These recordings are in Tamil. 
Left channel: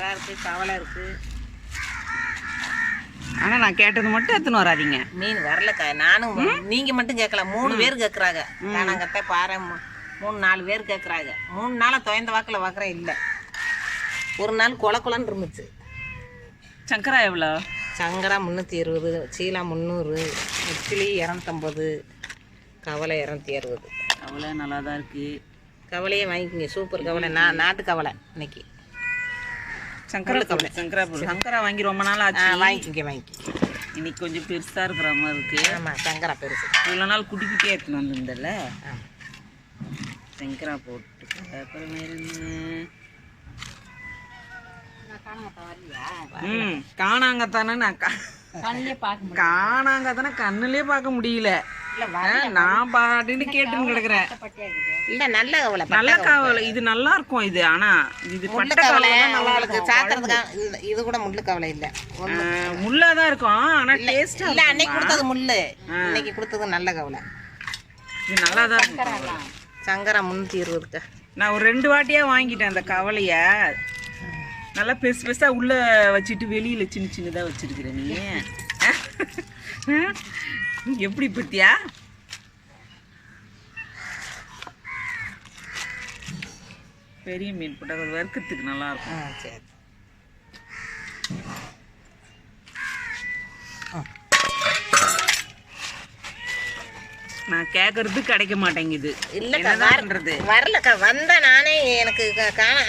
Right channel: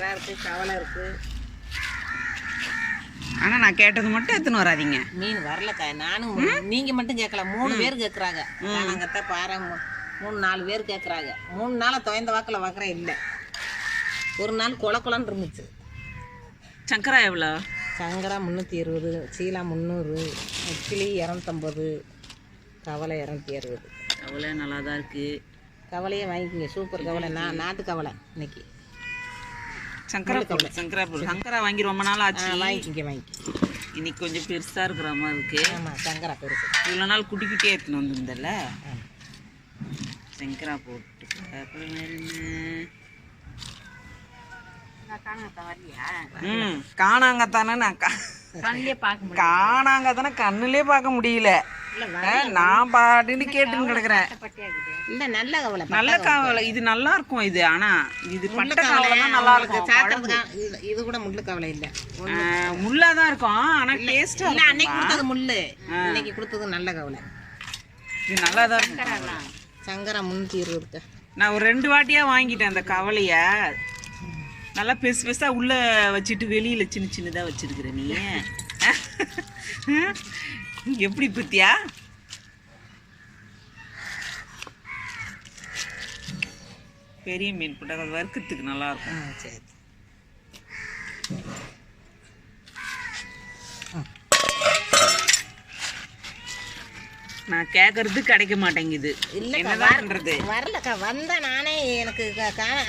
எறா இருக்கு கவலை இருக்கு. ஆனா நான் கேட்டது மட்டும் எடுத்துன்னு வராதீங்க. மீன் வரலக்கா நானும் நீங்க மட்டும் கேட்கல மூணு பேர் கேட்குறாங்க காணாங்கத்தை பாறை மூ- மூணு நாலு பேர் கேட்குறாங்க மூணு நாளாக துயந்த வாக்கில் வாக்குற இல்லை. ஒரு நாள் கொல கொலன்னு இருந்துச்சு. சங்கரா எவ்வளோ? சங்கரா முந்நூற்றி இருபது சீலா முந்நூறு இட்லி இரநூத்தம்பது கவலை இரநூத்தி அறுபது. அவ்வளோ நல்லா தான் இருக்கு. கவலையே வாங்கிக்கோங்க சூப்பர் கவலை. நான் நாட்டு கவலை இன்னைக்கு. சங்கரா பொருள் சங்கரா பொருள் சங்கரா வாங்கி ரொம்ப நாள் ஆச்சு. வாங்கிக்கோங்க வாங்கிக்கோங்க இன்னைக்கு கொஞ்சம் பெருசா இருக்கிற மாதிரி இருக்கு. ஆமாம் சங்கரா பெருசு. இவ்வளோ நாள் குட்டி குட்டியாக எடுத்துன்னு வந்திருந்தல சங்கரா போட்டு அப்புறம் வேற என்ன ம் காணாங்கத்தானே நான் கா கண்ணிலே பார்க்க காணாங்கத்தானே கண்ணுலயே பார்க்க முடியல. நான் பாட்டுன்னு கேட்டுன்னு கிடக்குறேன். இல்லை நல்ல கவலை நல்ல காவலை. இது நல்லா இருக்கும் இது. ஆனா இது பட்டை காவலை தான் நல்லா இருக்கும் சாப்பிட்றதுக்கு இது கூட முள்ளு கவலை இல்லை. ஆ, முள்ளா தான் இருக்கும் ஆனா டேஸ்டா இல்லை அன்னைக்கு இருக்கும் கொடுத்தது முள்ளு. இன்னைக்கு கொடுத்தது நல்ல கவலை. இது நல்லா தான் இருக்கும் கவலை. சங்கரா முந்நூற்றி இருபதுக்கா நான் ஒரு ரெண்டு வாட்டியா வாங்கிட்டேன் அந்த கவலைய. நல்லா பெருசு பெருசா உள்ள வச்சுட்டு வெளியில சின்ன சின்னதா வச்சிருக்கிற நீ. எப்படி பத்தியா பெரிய மீன் போட்டா அது வறுக்கிறதுக்கு நல்லா ஆ இருக்கும் சரி. நான் கேட்கறது கிடைக்க மாட்டேங்குது. இல்லக்கா, என்னதான் பண்றது? வரலக்கா வந்தா நானே எனக்கு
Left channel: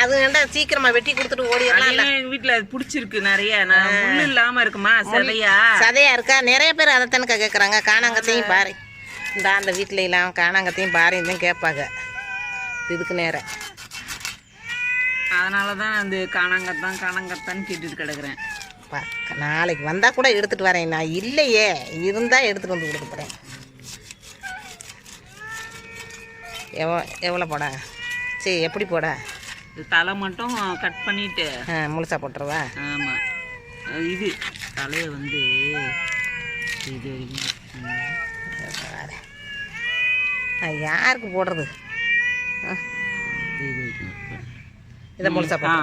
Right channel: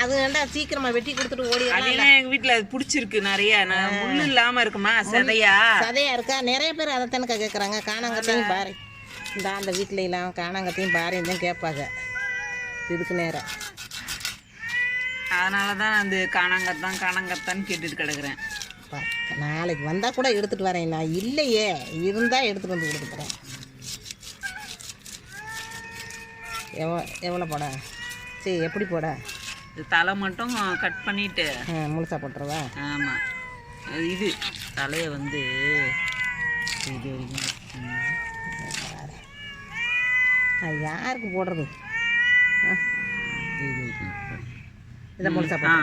அது வேண்டா சீக்கிரமா வெட்டி கொடுத்துட்டு ஓடி அதுனா எங்க வீட்டுல அது பிடிச்சிருக்கு நிறைய. நான் முள்ளு இல்லாம இருக்குமா? சதையா? சதையா இருக்கா? நிறைய பேர் அதை தானக்கா கேட்குறாங்க காணாங்கத்தையும் பாரு. இந்த அந்த வீட்டில எல்லாம் காணாங்கத்தையும் பாருன்னு கேட்பாங்க. இதுக்கு நேரம். அதனாலதான் அந்த காணாங்கத்தான் காணாங்கத்தான்னு கேட்டுட்டு கிடக்குறேன். நாளைக்கு வந்தா கூட எடுத்துட்டு வரேன். நான் இல்லையே. இருந்தா எடுத்துட்டு வந்து கொடுக்க போறேன் எவ்வளோ எவ்வளோ போட? சரி எப்படி போட? இது தலை மட்டும் கட் பண்ணிட்டு. முழுசா போட்டுருவா? ஆமா. அது இது. தலையை வந்து இது வரைக்கும். நான் யாருக்கு போடுறது? இது வரைக்கும். இதை முழுசா ஆ.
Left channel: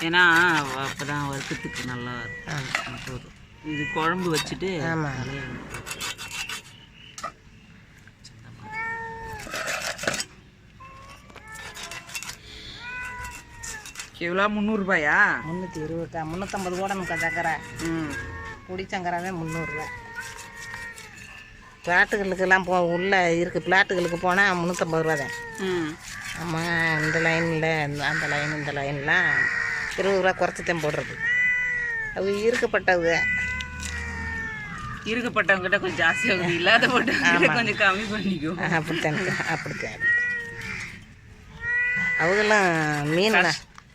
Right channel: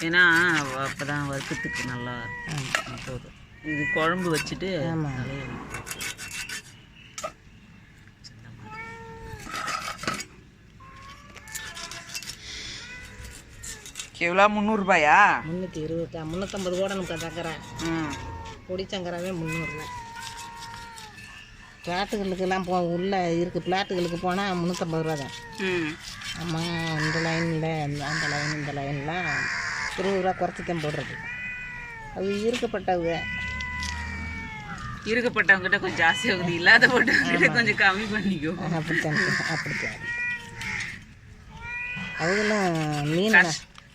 ஏன்னா வ- அப்பதான் வறுக்கிறதுக்கு நல்லா போதும் இது குழம்பு வச்சுட்டு. தலையை. எவ்வளோ முந்நூறுபாயா? முந்நூற்றி இருபத்தா முந்நூற்றம்பது போடணுக்கா சக்கரை. ம். பொடி சங்கராவே முந்நூறுரூவா பிளாட்டுகளுக்கெல்லாம் போ உள்ளே இருக்குது பிளாட்டுகளுக்கு போனால் முந்நூற்றம்பது ரூபா தான். ஆமாம் இந்த லைனில் அந்த லைன் இந்த லைன்லாம் இருபது ரூபா குறைச்சி தான் போடுறது. அது இருக்கப்பட்டது இருக்கப்பட்டவங்ககிட்ட கொஞ்சம் ஜாஸ்தி ஆகுது. இல்லாத போட்டவங்ககிட்ட கொஞ்சம் கம்மி பண்ணிக்கோ. அப்படித்தாங்க அப்படித்தான் அவங்கெல்லாம் மீன்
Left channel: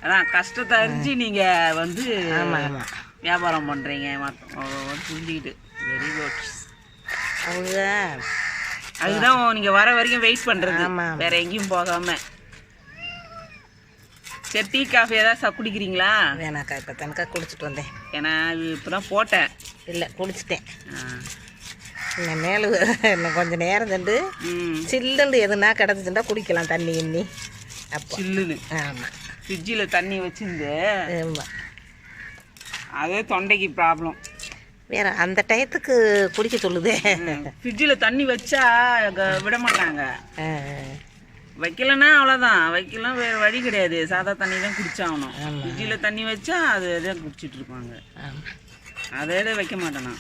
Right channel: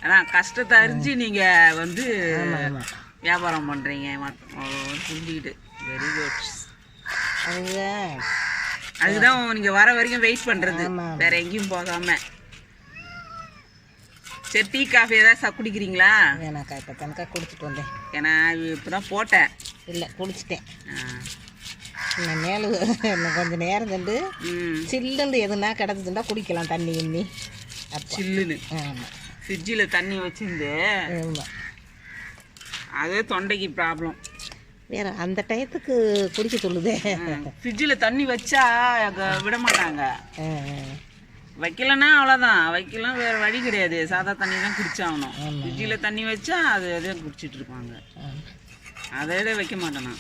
அதான் கஷ்டத்தை அறிஞ்சு நீங்க வந்து. வியாபாரம் ஓ, புரிஞ்சுக்கிட்டு. வெரி குட் அதுதான் நீங்க வர வரைக்கும் வெயிட் பண்றது. ஆமா. வேற எங்கேயும் போகாம. சரி டீ காஃபி ஏதாவது ச- குடிக்கிறீங்களா? வேணாக்கா இப்போ தானக்கா குடிச்சிட்டு வந்தேன். ஏன்னா இது இப்பதான் போட்டேன். இல்லை குடிச்சிட்டேன். மேலு இன்னும் கொஞ்சம் நேரம் ம். சில்லுன்னு எதுனா கிடச்சிச்சுட்டா குடிக்கலாம் தண்ணி எண்ணி. அப்போ. சில்லுன்னு. ஆமாம் ஃப்ரிட்ஜில் தண்ணி வச்சிருந்து அதே தொண்டைக்கு ப்ராப்ளம் வேற அந்த டயத்துக்கு குடிக்க சொல்லுது. ஃப்ரிட்ஜில் தண்ணி வச்சா விட மாட்டாங்க. வைக்கலன்னா அவ்வளோதான் வைக்கலாம் வேறு வழி கிடையாது. சாதா தண்ணி தான் குடிச்சாகணும் ஃப்ரிட்ஜில் தண்ணி வச்சா அது தான் குடிச்சிட்டு இருப்பாங்க. அதை வைக்க மாட்டேன்?